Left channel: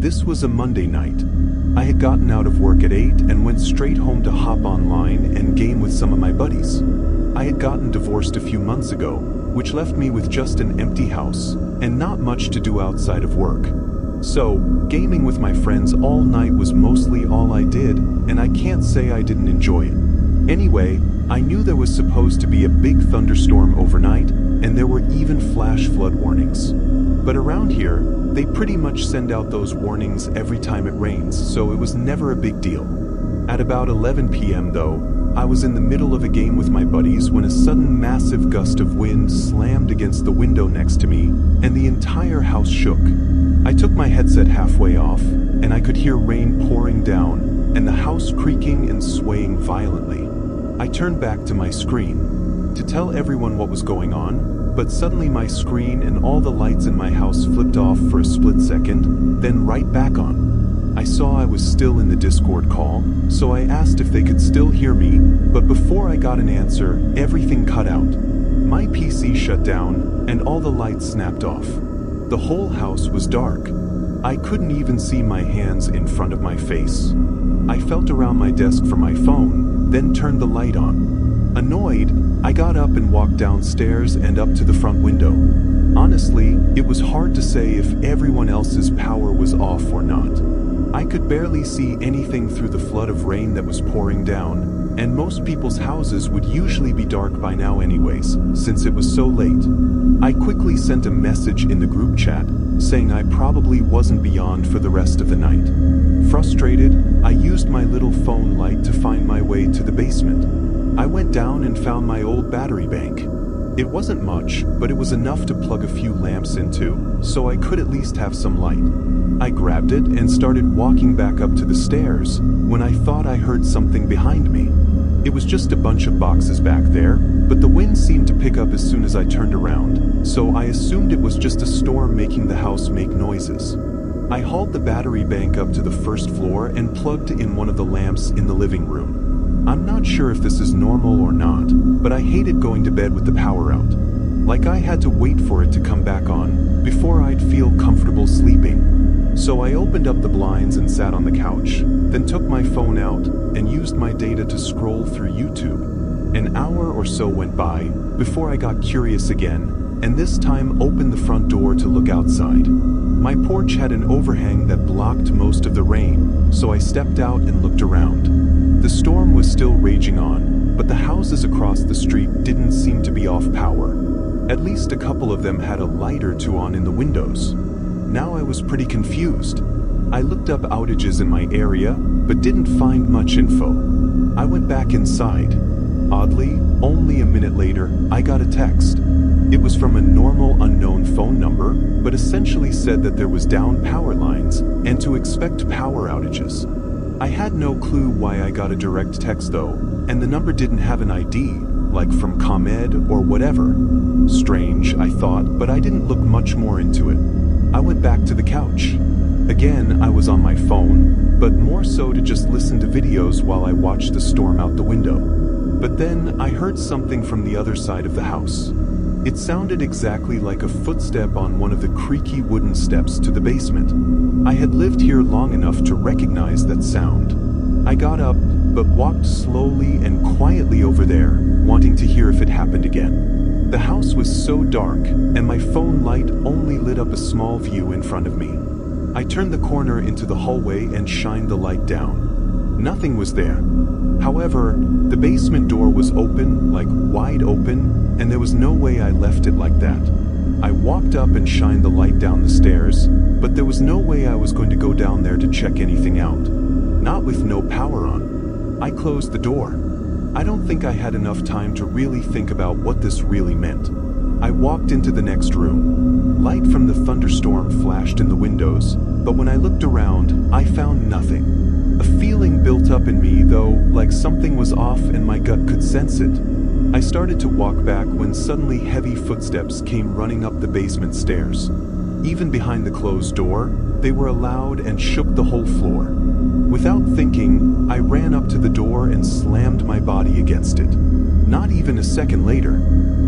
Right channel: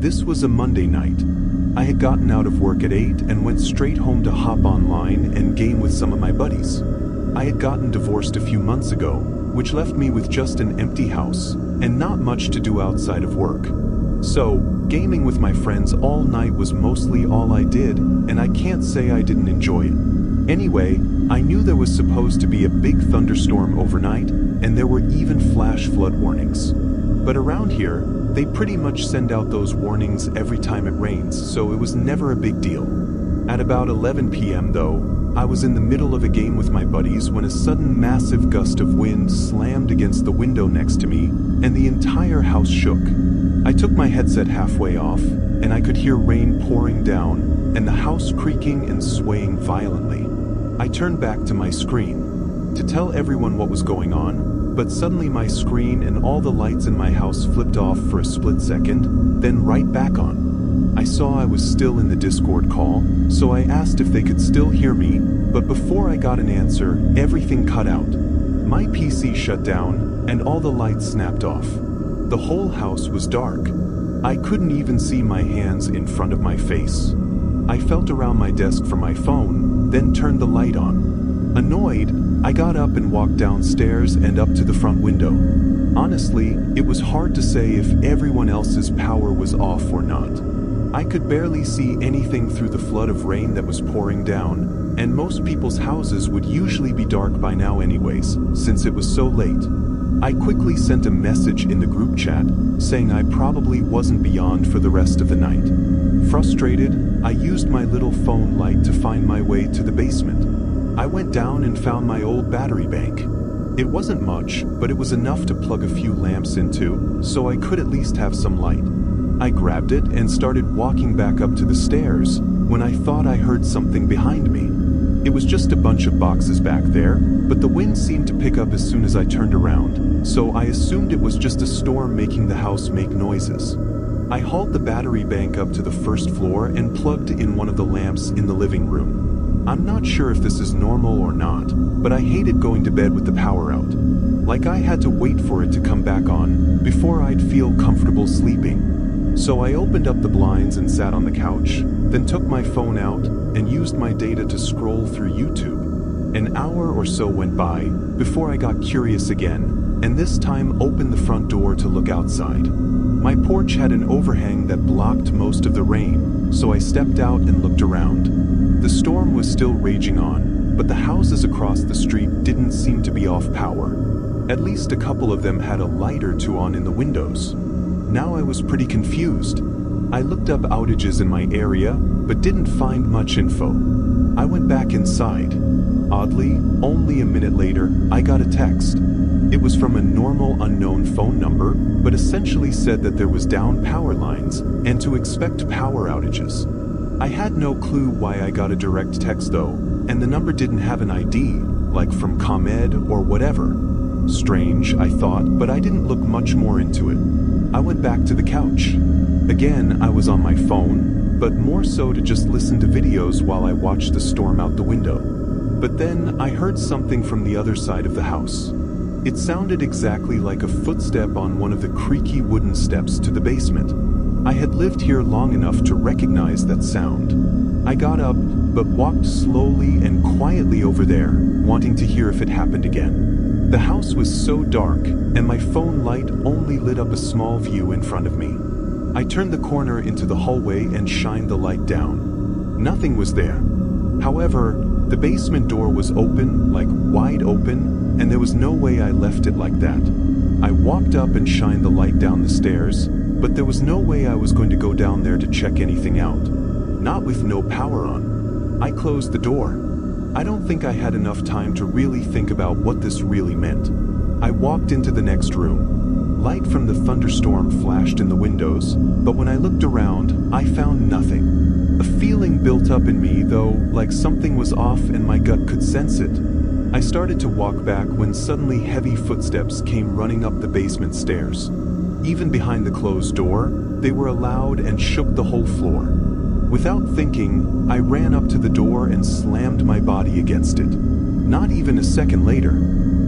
This was a Monday night. I had gotten out of work at 8 and went straight home to hop online and game with some of my buddies. I had gotten divorced a few months ago, which left me with just an empty house and not much to do outside of work. So, gaming with my friends all night was mostly all I did, and I can't say I didn't enjoy it. Anyway, I knew there was supposed to be a big thunderstorm overnight, and there were even flash flood warnings. But around here, they pretty much send out those warnings every time it rains, so it was never a big deal. At about 11 p.m. though, I was in the middle of a game with my buddies when a sudden massive gust of wind slammed against the window next to me, and the entire house shook. I took my headset halfway off, and I could hear rain pouring down, and the house creaking and swaying violently. I turned back to my screen to tell everyone what was going on, but suddenly my screen and all the lights in my house flipped off for a split second, then right back on. I saw I was still in the Discord call, so I asked if they could still hear me, but before I got an answer, everything cut out. My PC shut down, and all the lights snapped off. The whole house was dark. I couldn't even see my hands in front of my face. I felt around my desk for my phone, then turned the light on. Annoyed, I got up and walked downstairs and up to the front window. Honestly, it was hard to say if everyone else's power was off or not. I could barely see anything through the flood of rain that was pouring down, and most people's houses would usually be dark by now anyways, since it was so late. I quickly sent a message in the group chat, saying I probably wasn't beyond for the rest of the night. Frustrated, I used my little phone light to find my way to the basement. I went down and found my old battery bank. It wasn't much, but it was enough to plug a few lamps into, so I could at least have some light. I grabbed it and started walking back up to the stairs when I thought I heard something behind me. It was just a bunch of boxes back there, but the wind seemed to pick up as soon as I turned around, so I assumed it was just a storm making the house make noises. I hauled the battery bank up to the first floor and plugged in one of the lamps in the living room. I'm not sure if this is normal or not, but I hated going to bed with the power out. Like I had to wait for it to come back on before I'd feel comfortable sleeping. So I opened up the blinds and sat on the couch, then took my phone out and used my data to scroll through YouTube. An hour or so went by before I got curious again, and this time opened the front door to look outside. My porch had an overhang that blocked most of the rain, so I stepped out and looked around. The storm was still raging on, but the houses across the street didn't seem to be off power. At least a couple of them had a light or two on in the windows. Now I was pretty confused. I looked up outages in my area, but didn't find much info. I went back inside. Oddly, only a minute later, I got a text. It was from a normal unknown phone number, but essentially said that there was down power lines and to expect power outages. I had no clue why I got a direct text though, and the number didn't have an ID, like from ComEd or whatever. Strange, I thought, but I didn't look much more into it. I went back to the couch. Again, I was on my phone, but more so to just listen to videos while I watched the storm out the window. But then I heard something from the other side of the house. It sounded exactly like a footstep on one of the creaky wooden steps to the basement. I had lived here long enough to recognize that sound. I got up, but walked slowly and quietly over there, wanting to hear if it happened again. The house was so dark, and my phone light only lit up a small view in front of me. I turned the corner into the hallway and shined the light down. Nothing was there. However, the basement door was open, like wide open, and there was no way I left it like that. I walked up and shined the light down the stairs, but there was no way I was going to go down there to check anything out. Not with no power on. I closed the door. I don't think I had enough time to really think about what this really meant. I walked into the next room. Light from the thunderstorm flashed in the windows, but when I looked around, I found nothing. A feeling built up in me, though, like something was off and my gut could sense it. I started to walk back when suddenly heavy footsteps came running up the basement stairs. Even behind the closed door, they were loud and shook the whole floor. Without thinking, I ran up to the door and slammed my body against it. Not even a second later,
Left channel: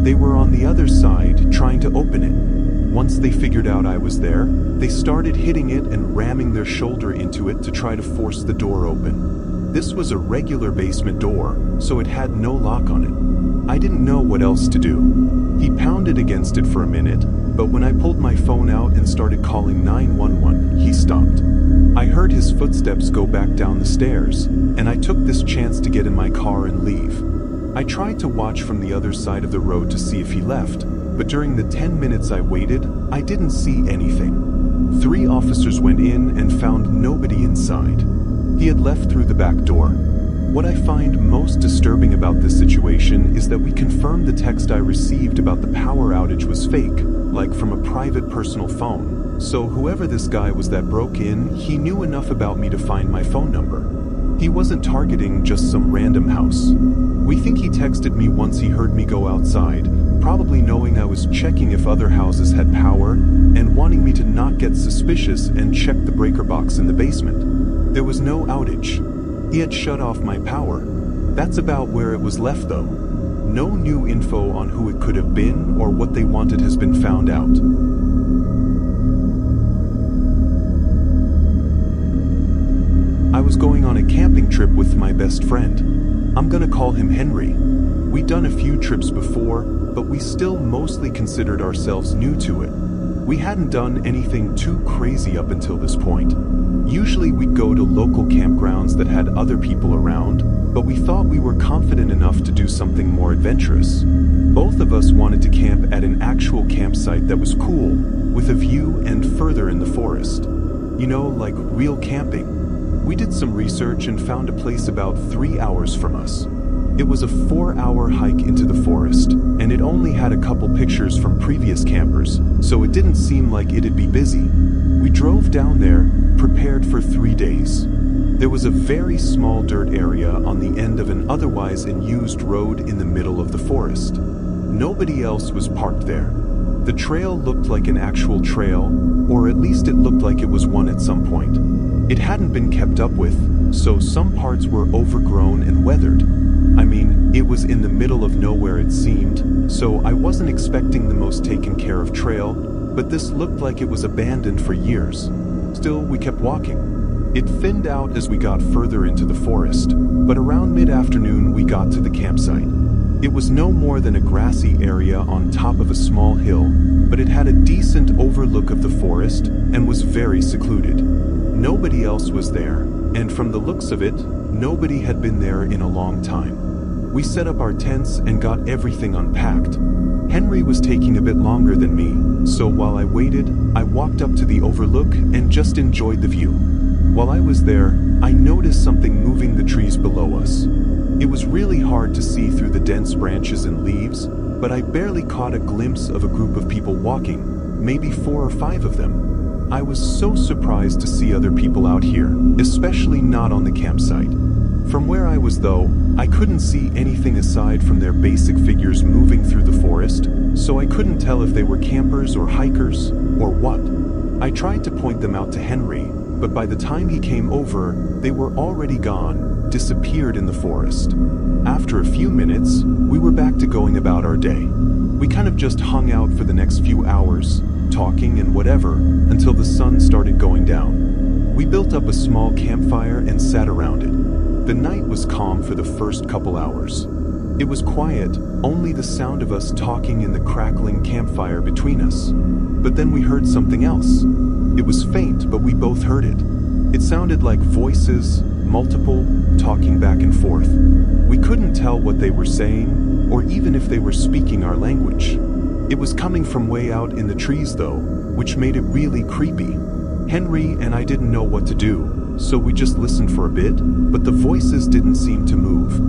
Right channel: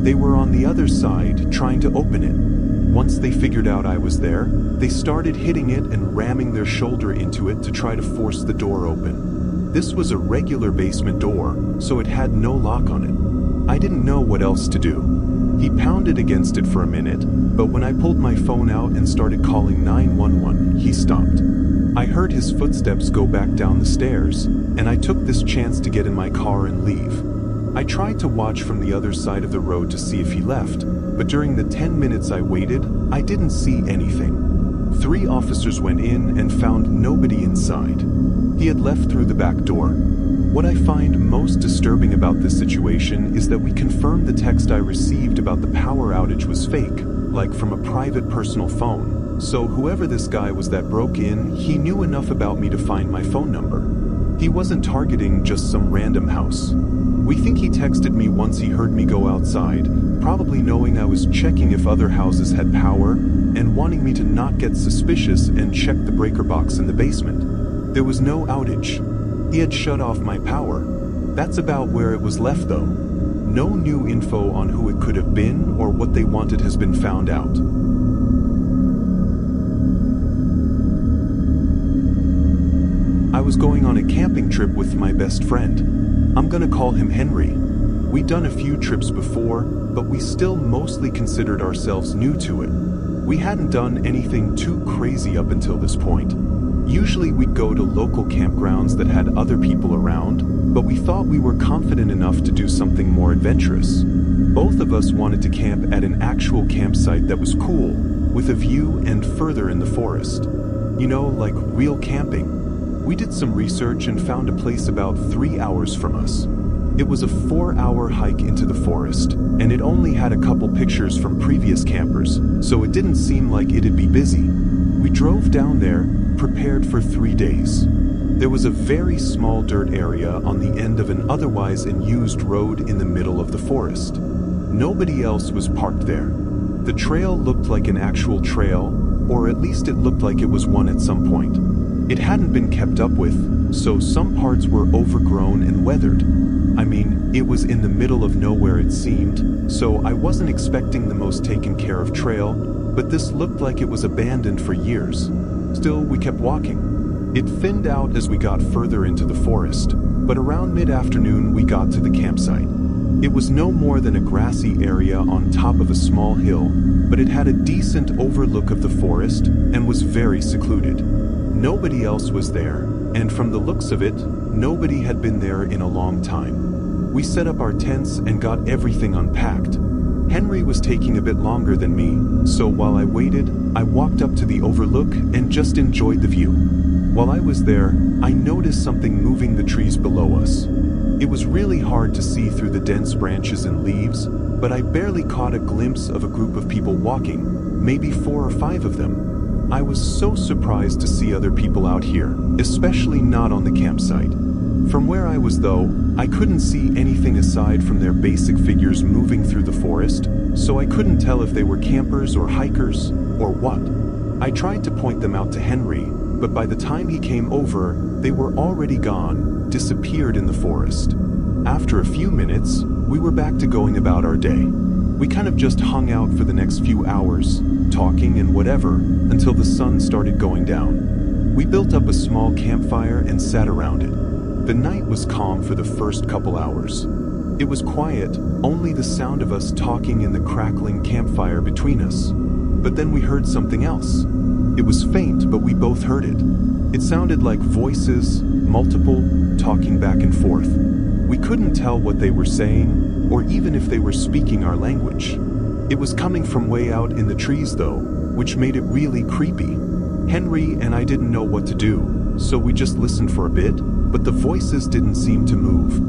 they were on the other side trying to open it. Once they figured out I was there, they started hitting it and ramming their shoulder into it to try to force the door open. This was a regular basement door, so it had no lock on it. I didn't know what else to do. He pounded against it for a minute, but when I pulled my phone out and started calling 911, he stopped. I heard his footsteps go back down the stairs, and I took this chance to get in my car and leave. I tried to watch from the other side of the road to see if he left, but during the 10 minutes I waited, I didn't see anything. 3 officers went in and found nobody inside. He had left through the back door. What I find most disturbing about this situation is that we confirmed the text I received about the power outage was fake, like from a private personal phone. So whoever this guy was that broke in, he knew enough about me to find my phone number. He wasn't targeting just some random house. We think he texted me once he heard me go outside, probably knowing I was checking if other houses had power, and wanting me to not get suspicious and check the breaker box in the basement. There was no outage. He had shut off my power. That's about where it was left though. No new info on who it could have been or what they wanted has been found out. I was going on a camping trip with my best friend. I'm gonna call him Henry. We'd done a few trips before, but we still mostly considered ourselves new to it. We hadn't done anything too crazy up until this point. Usually we'd go to local campgrounds that had other people around, but we thought we were confident enough to do something more adventurous. Both of us wanted to camp at an actual campsite that was cool, with a view and further in the forest. You know, like real camping. We did some research and found a place about 3 hours from us. It was a 4-hour hike into the forest, and it only had a couple pictures from previous campers, so it didn't seem like it'd be busy. We drove down there, prepared for 3 days. There was a very small dirt area on the end of an otherwise unused road in the middle of the forest. Nobody else was parked there. The trail looked like an actual trail, or at least it looked like it was one at some point. It hadn't been kept up with, so some parts were overgrown and weathered. I mean, it was in the middle of nowhere it seemed, so I wasn't expecting the most taken care of trail, but this looked like it was abandoned for years. Still, we kept walking. It thinned out as we got further into the forest, but around mid-afternoon we got to the campsite. It was no more than a grassy area on top of a small hill, but it had a decent overlook of the forest and was very secluded. Nobody else was there, and from the looks of it, nobody had been there in a long time. We set up our tents and got everything unpacked. Henry was taking a bit longer than me, so while I waited, I walked up to the overlook and just enjoyed the view. While I was there, I noticed something moving the trees below us. It was really hard to see through the dense branches and leaves, but I barely caught a glimpse of a group of people walking, maybe 4 or 5 of them. I was so surprised to see other people out here, especially not on the campsite. From where I was though, I couldn't see anything aside from their basic figures moving through the forest, so I couldn't tell if they were campers or hikers, or what. I tried to point them out to Henry, but by the time he came over, they were already gone, disappeared in the forest. After a few minutes, we were back to going about our day. We kind of just hung out for the next few hours, talking and whatever, until the sun started going down. We built up a small campfire and sat around it. The night was calm for the first couple hours. It was quiet, only the sound of us talking in the crackling campfire between us. But then we heard something else. It was faint, but we both heard it. It sounded like voices, multiple, talking back and forth. We couldn't tell what they were saying, or even if they were speaking our language. It was coming from way out in the trees though, which made it really creepy. Henry and I didn't know what to do, so we just listened for a bit, but the voices didn't seem to move.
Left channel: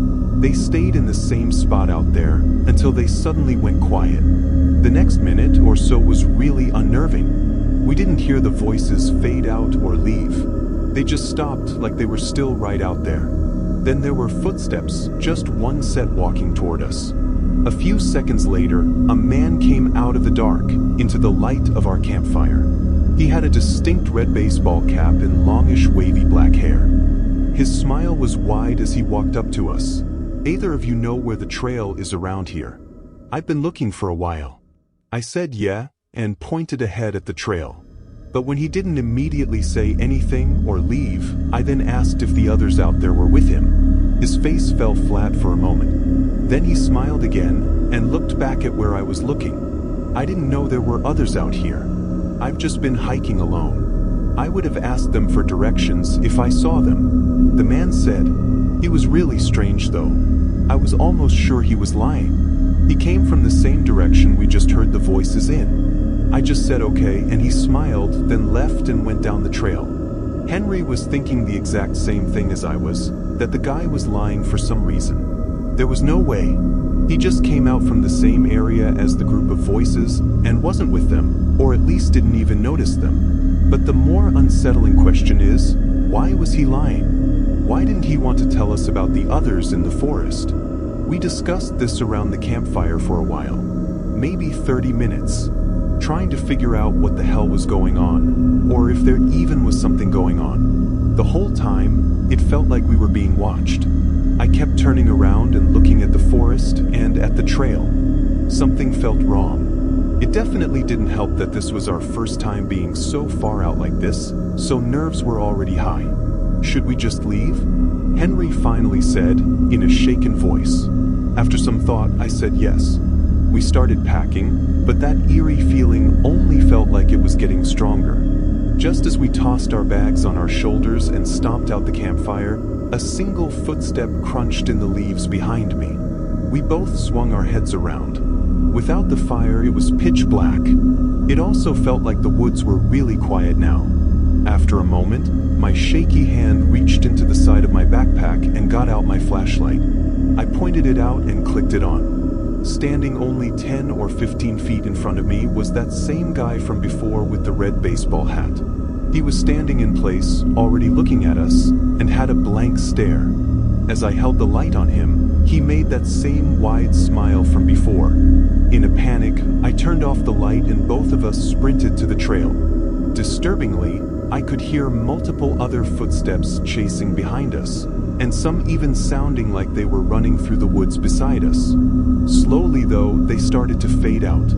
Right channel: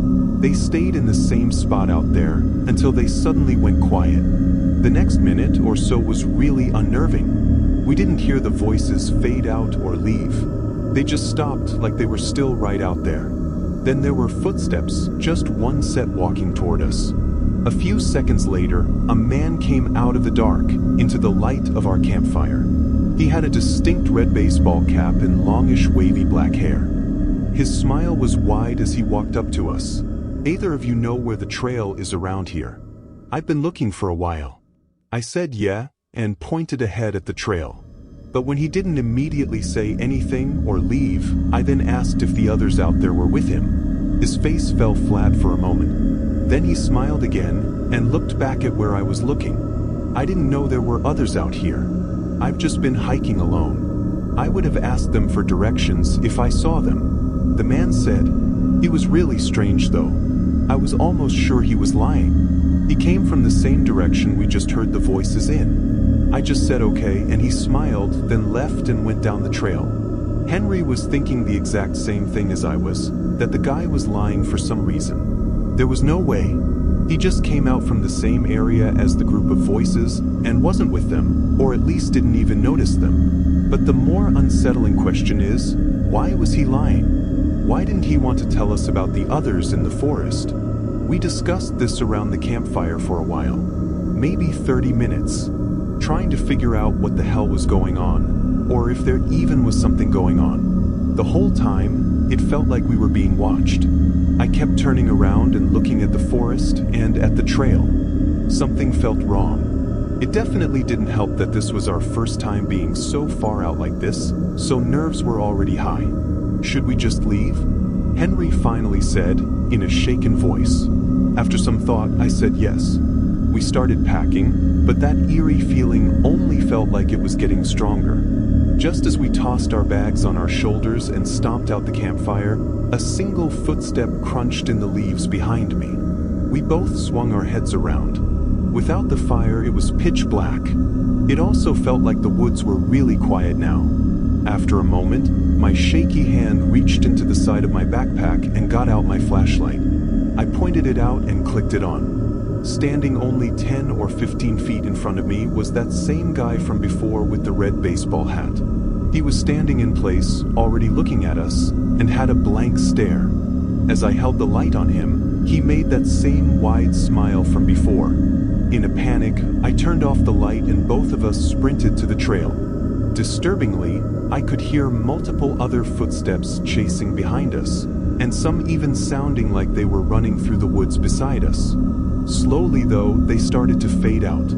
They stayed in the same spot out there until they suddenly went quiet. The next minute or so was really unnerving. We didn't hear the voices fade out or leave. They just stopped like they were still right out there. Then there were footsteps, just one set walking toward us. A few seconds later, a man came out of the dark into the light of our campfire. He had a distinct red baseball cap and longish wavy black hair. His smile was wide as he walked up to us. "Either of you know where the trail is around here? I've been looking for a while." I said yeah, and pointed ahead at the trail. But when he didn't immediately say anything or leave, I then asked if the others out there were with him. His face fell flat for a moment. Then he smiled again and looked back at where I was looking. I didn't know there were others out here. I've just been hiking alone. I would have asked them for directions if I saw them. The man said. He was really strange though. I was almost sure he was lying. He came from the same direction we just heard the voices in. I just said okay and he smiled, then left and went down the trail. Henry was thinking the exact same thing as I was, that the guy was lying for some reason. There was no way. He just came out from the same area as the group of voices and wasn't with them, or at least didn't even notice them. But the more unsettling question is, why was he lying? Why didn't he want to tell us about the others in the forest? We discussed this around the campfire for a while, maybe 30 minutes, trying to figure out what the hell was going on, or if there even was something going on. The whole time, it felt like we were being watched. I kept turning around and looking at the forest and at the trail. Something felt wrong. It definitely didn't help that this was our first time being so far out like this, so nerves were already high. Should we just leave? Henry finally said, in a shaken voice. After some thought, I said yes. We started packing, but that eerie feeling only felt like it was getting stronger. Just as we tossed our bags on our shoulders and stomped out the campfire, a single footstep crunched in the leaves behind me. We both swung our heads around. Without the fire, it was pitch black. It also felt like the woods were really quiet now. After a moment, my shaky hand reached into the side of my backpack and got out my flashlight. I pointed it out and clicked it on. Standing only 10 or 15 feet in front of me was that same guy from before with the red baseball hat. He was standing in place, already looking at us, and had a blank stare. As I held the light on him, he made that same wide smile from before. In a panic, I turned off the light and both of us sprinted to the trail. Disturbingly, I could hear multiple other footsteps chasing behind us, and some even sounding like they were running through the woods beside us. Slowly though, they started to fade out.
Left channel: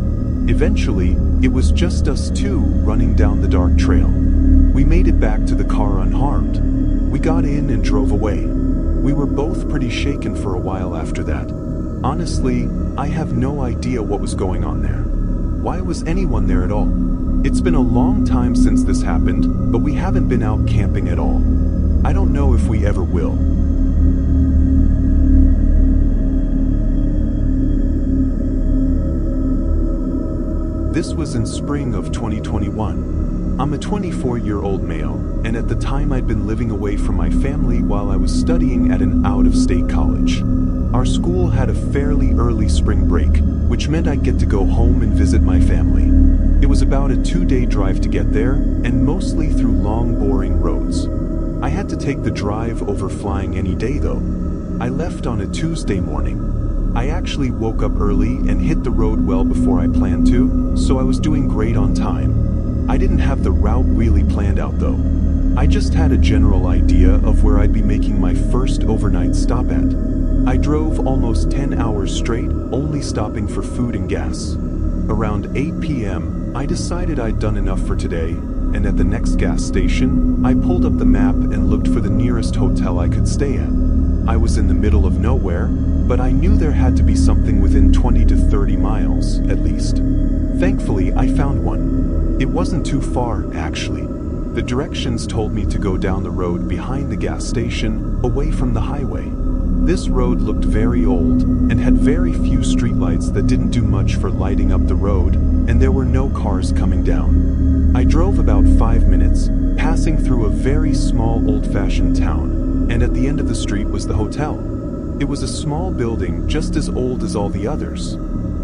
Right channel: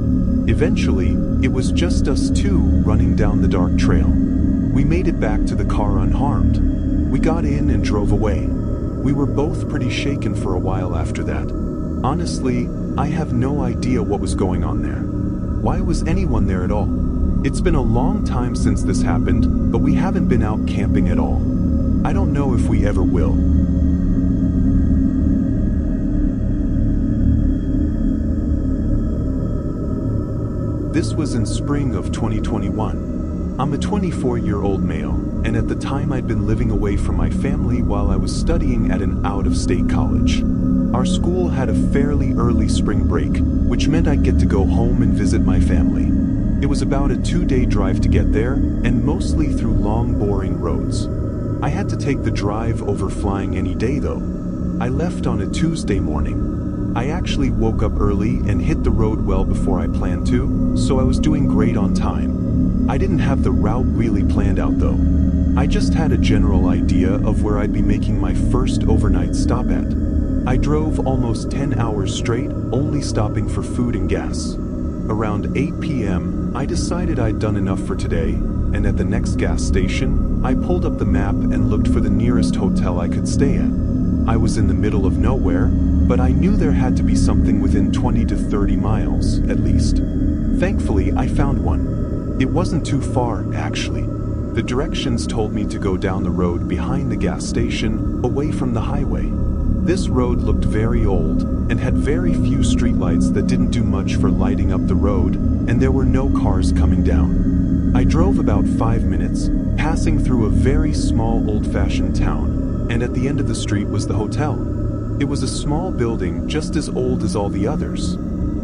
Eventually, it was just us two running down the dark trail. We made it back to the car unharmed. We got in and drove away. We were both pretty shaken for a while after that. Honestly, I have no idea what was going on there. Why was anyone there at all? It's been a long time since this happened, but we haven't been out camping at all. I don't know if we ever will. This was in spring of 2021. I'm a 24-year-old male, and at the time I'd been living away from my family while I was studying at an out-of-state college. Our school had a fairly early spring break, which meant I'd get to go home and visit my family. It was about a 2-day drive to get there, and mostly through long, boring roads. I had to take the drive over flying any day though. I left on a Tuesday morning. I actually woke up early and hit the road well before I planned to, so I was doing great on time. I didn't have the route really planned out though. I just had a general idea of where I'd be making my first overnight stop at. I drove almost 10 hours straight, only stopping for food and gas. Around 8 p.m., I decided I'd done enough for today, and at the next gas station, I pulled up the map and looked for the nearest hotel I could stay at. I was in the middle of nowhere, but I knew there had to be something within 20 to 30 miles, at least. Thankfully, I found one. It wasn't too far, actually. The directions told me to go down the road behind the gas station, away from the highway. This road looked very old and had very few streetlights that didn't do much for lighting up the road, and there were no cars coming down. I drove about 5 minutes, passing through a very small old-fashioned town, and at the end of the street was the hotel. It was a small building just as old as all the others.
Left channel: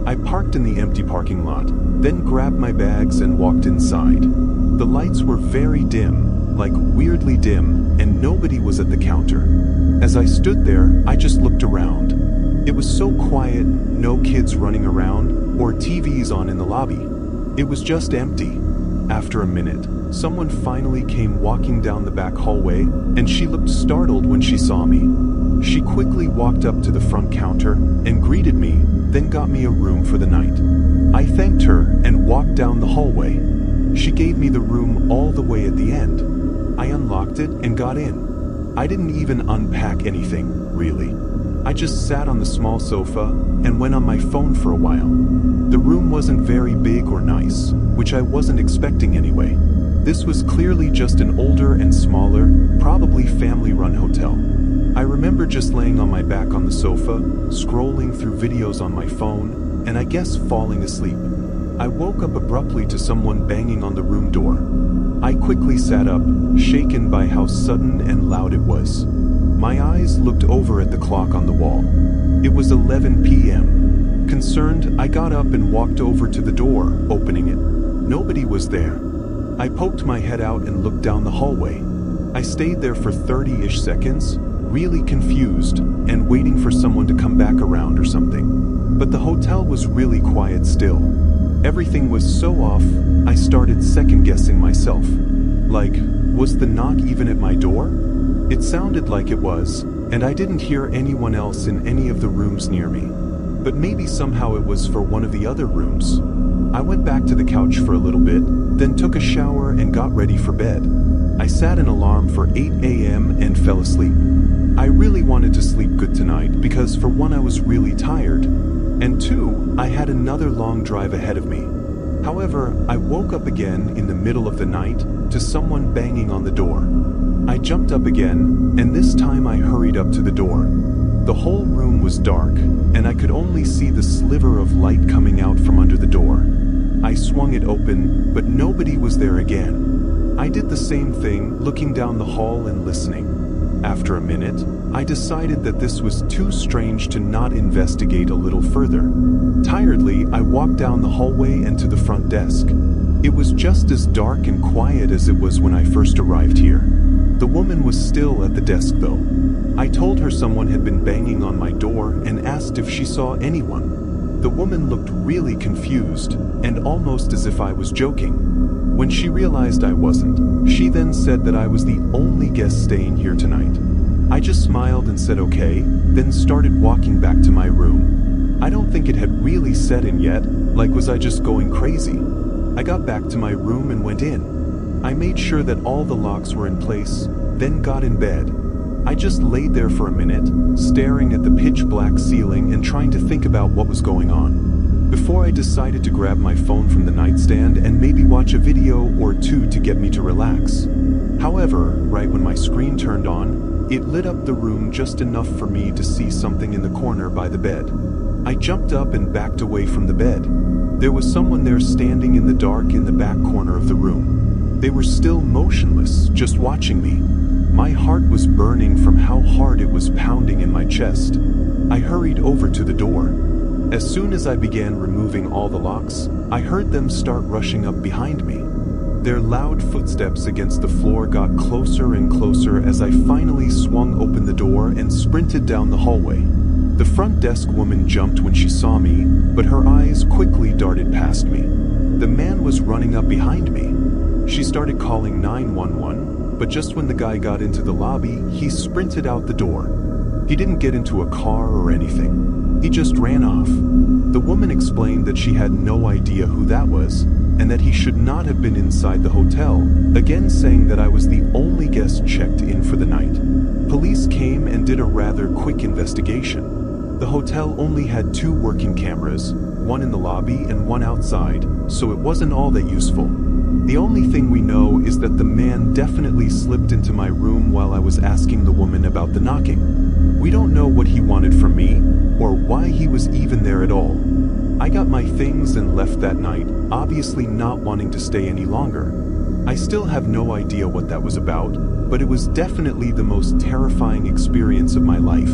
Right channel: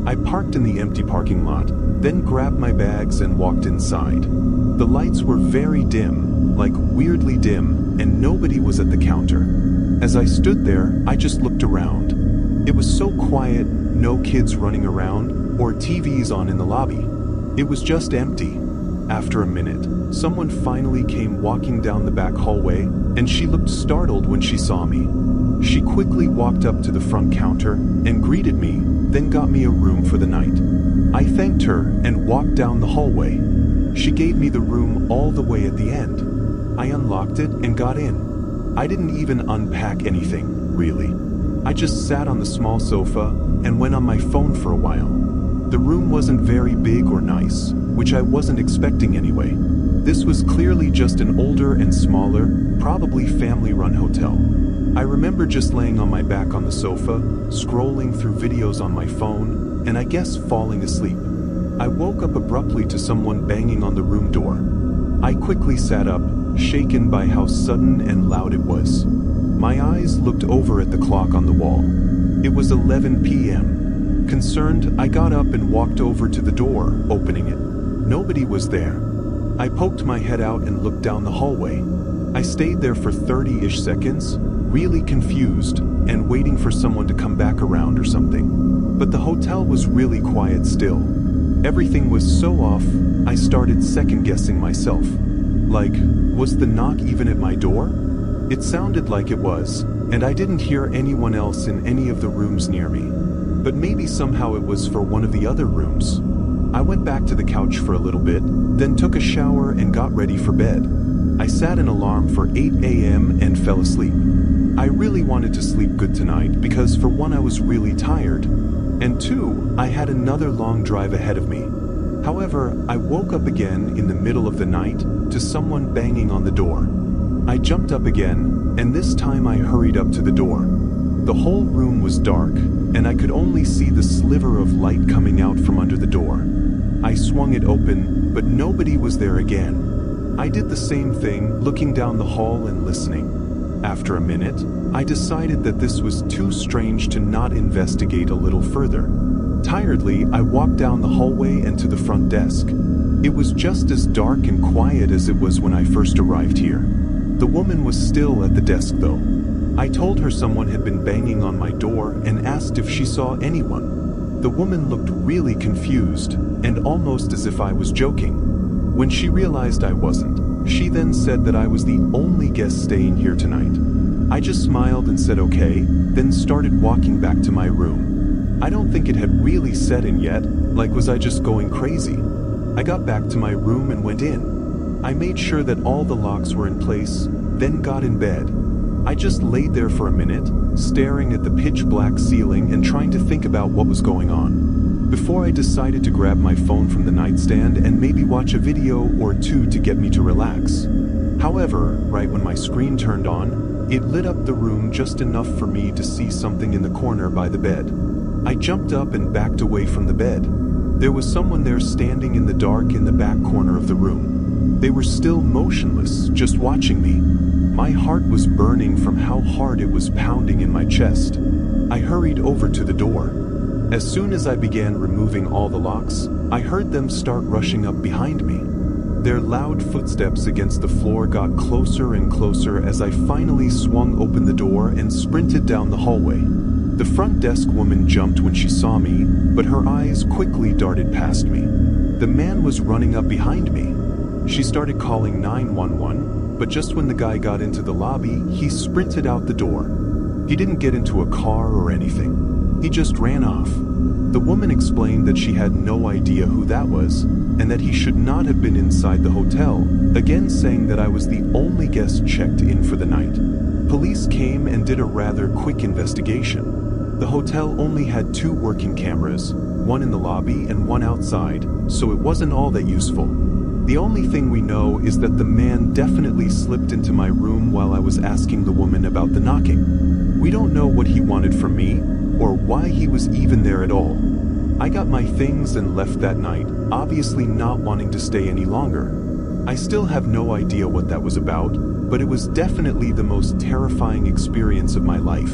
I parked in the empty parking lot, then grabbed my bags and walked inside. The lights were very dim, like weirdly dim, and nobody was at the counter. As I stood there, I just looked around. It was so quiet, no kids running around, or TVs on in the lobby. It was just empty. After a minute, someone finally came walking down the back hallway, and she looked startled when she saw me. She quickly walked up to the front counter and greeted me, then got me a room for the night. I thanked her and walked down the hallway. She gave me the room all the way at the end. I unlocked it and got in. I didn't even unpack anything, really. I just sat on the small sofa and went on my phone for a while. The room wasn't very big or nice, which I wasn't expecting anyway. This was clearly just an older and smaller, probably family-run hotel. I remember just laying on my back on the sofa, scrolling through videos on my phone, and I guess falling asleep. I woke up abruptly to someone banging on the room door. I quickly sat up, shaken by how sudden and loud it was. My eyes looked over at the clock on the wall. It was 11 p.m. Concerned, I got up and walked over to the door, opening it. Nobody was there. I poked my head out and looked down the hallway. I stayed there for 30-ish seconds, really confused, and waiting for someone to come back around or something. But the hotel was really quiet still. Everything was so off, I started second-guessing myself. Like, was the knock even at my door? It sounded like it was, and I didn't hear anyone else in any of the rooms near me. But maybe somehow it was for one of the other rooms. I went back to the couch for a little bit, then took a shower and got ready for bed. I set an alarm for 8 a.m. and fell asleep. I really wanted to sleep good tonight because for one, I was really tired, and two, I had another long drive ahead of me. However, I woke up again in the middle of the night to someone banging on the door. I jumped up again, and this time I hurried up to the door. The whole room was dark, and I could only see the sliver of light coming out from under the door. I swung it open, but nobody was there again. I did the same thing, looking down the hall and listening. After a minute, I decided that this was too strange to not investigate a little further. Tiredly, I walked down the hallway and to the front desk. It was just as dark and quiet as it was when I first arrived here. The woman was still at the desk though. I told her someone had been banging on my door and asked if she saw anyone. The woman looked really confused and almost as if I was joking. When she realized I wasn't, she then said that I was the only guest staying here tonight. I just smiled and said okay, then started walking back to my room. I don't think it had really set in yet, like was I just going crazy? I got back to my room and went in. I made sure that all the locks were in place, then got in bed. I just laid there for a minute, staring at the pitch black ceiling and trying to think about what was going on, before I decided to grab my phone from the nightstand and maybe watch a video or two to get me to relax. However, right when my screen turned on, it lit up the room just enough for me to see something in the corner by the bed. I jumped up and backed away from the bed. There was someone there standing in the dark in the back corner of the room. They were still motionless, just watching me. My heart was burning from how hard it was pounding in my chest. I hurried over to the door. As soon as I began removing all the locks, I heard them start rushing up behind me. Their loud footsteps against the floor got closer and closer as I finally swung open the door and sprinted down the hallway. The front desk woman jumped when she saw me, but her eyes quickly darted past me. The man was running up behind me. She started calling 911, but just when the guy got into the lobby, he sprinted out the door. He didn't get into a car or anything. He just ran off. The woman explained that she had no idea who that was, and that he should not have been inside the hotel, again saying that I was the only guest checked in for the night. Police came and did a rather quick investigation. The hotel only had 2 working cameras, one in the lobby and one outside, so it wasn't all that useful. The only thing we know is that the man definitely slipped into my room while I was asking the woman about the knocking. We don't know what he wanted from me, or why he was even there at all. I got my things and left that night, obviously not wanting to stay any longer. I still have no idea what that was about, but it was definitely the most terrifying experience of my life.